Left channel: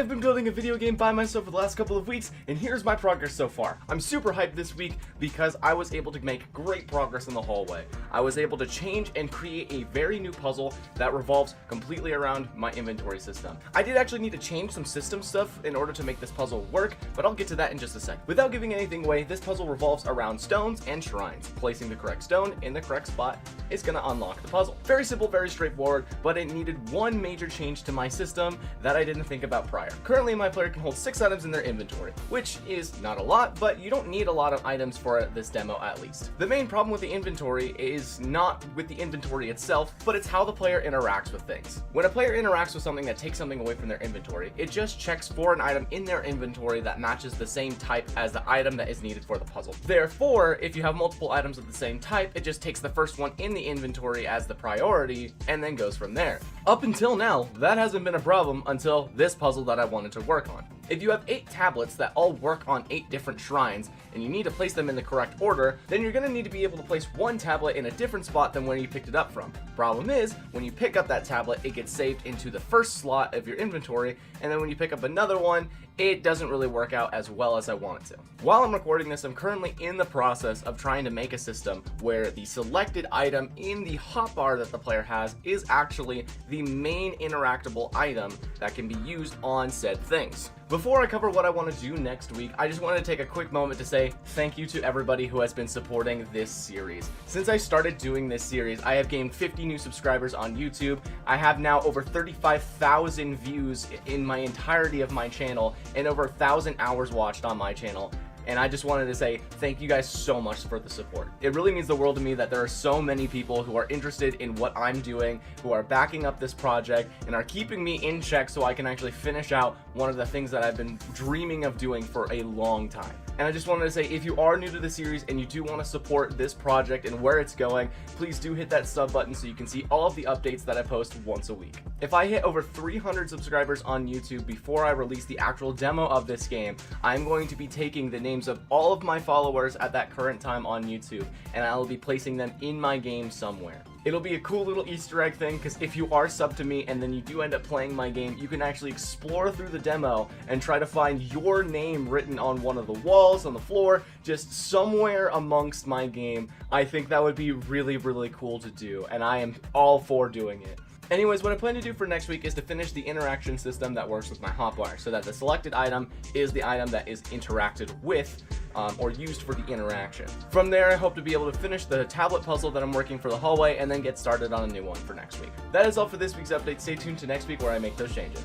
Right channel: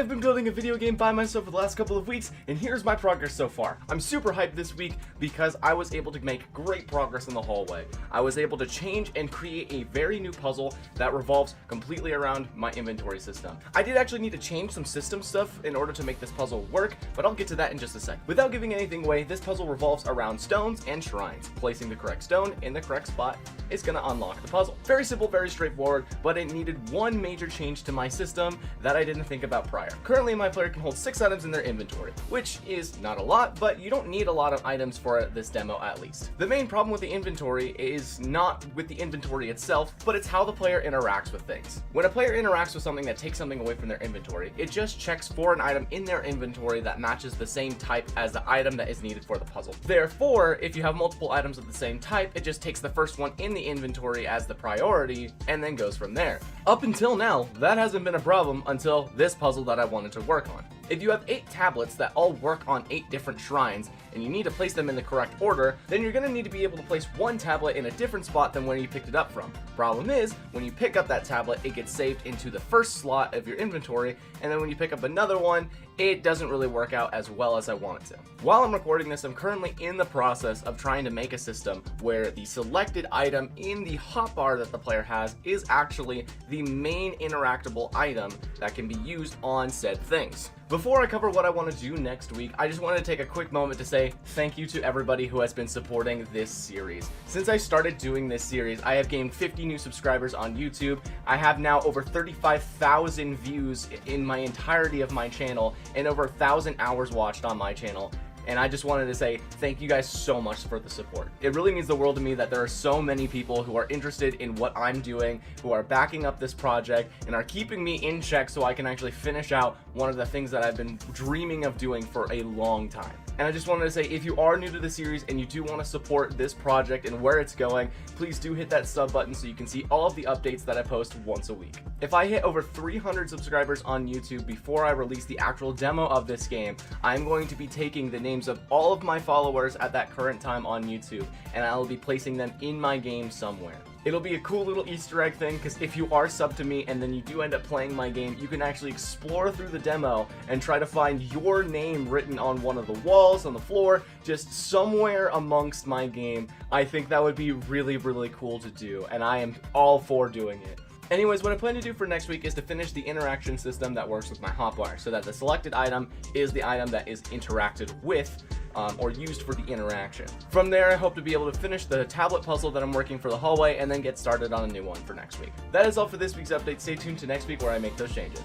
I've been building a video game by myself for the last couple of weeks, and here's my progress so far. I'm super hyped this week because I was able to make great progress in the hallway. I was able to change and create a very new puzzle that revolves completely around my inventory system. I did actually need to change some system stuff in order to make this puzzle work, but I'll get to that in just a sec. Without giving anything away, this puzzle revolves around stones and shrines. Placing the correct stone in the correct spot is going to unlock the puzzle. Very simple, very straightforward, but it needed one major change to my system that I didn't think about prior. Currently, my player can hold 6 items in their inventory, which is not a lot, but you don't need a lot of items for this demo at least. The main problem with the inventory is not with the inventory itself, but it's how the player interacts with things. When a player interacts with something that takes something away from their inventory, it just checks for an item in their inventory that matches the same type as the item that is needed for the puzzle. Therefore, if you have multiple items of the same type, it just takes the first one in the inventory as the priority and then goes from there. Up until now, that hasn't been a problem until this puzzle that I wanted to work on. If you have 8 tablets that all work on 8 different shrines, and you need to place them in the correct order, then you're going to need to be able to place one tablet in a different spot than where you picked it up from. Problem is, when you pick up that tablet, it gets saved into the first slot of your inventory, and then when you pick up another one, it doesn't really work out as well as I want it to. While I'm recording this, I'm currently in the process of trying to make a system where the selected item in the hotbar that the player has is actually the main interactable item that can be used on said things. Before I cover what I want to do next week, I just want to take a quick moment to say thank you to everybody who has been supporting this series. Since I started doing this series, I have gained 50 new subscribers on YouTube. I have now over 35,000 views in my entirety of my channel and over 1,000 hours watched on my channel. And I just wanted to say thank you guys so much for the support. It really means the world to me that there are so many people who are interested in what I'm doing, who are backing up this project, and are keeping me in check so I can actually finish out one of the things that I've been dreaming of doing for a long time. And I just wanted to say, if you are new to the series and you do want to support this project and where it's going, please do hit that sub button so you can see all of the updates that I post once a week. If I hit over 300 subscribers on YouTube before I release the actual demo of this game, I'm going to be taking the names of all of my followers at that current time on YouTube, and I'll be placing them in my game somewhere. It'll be a cool little Easter egg thing, because if you are subbed to me and then you do end up playing my game, you can actually explore through the demo and try to find your name written on one of the walls, on the floor, just somewhere amongst my game. I think that would be really, really cool to do, and I am all for doing it. Anyways, what I plan to do for next week is to finish the interaction system that works with my hotbar, so that the selected item is the item that is interacted with or used for the interaction. From there, I hope to be able to finish the tablet puzzle that I'm working for the hallway and then get started on a new one for next week. That is all for this week's update. Stay tuned to next week where I make those changes.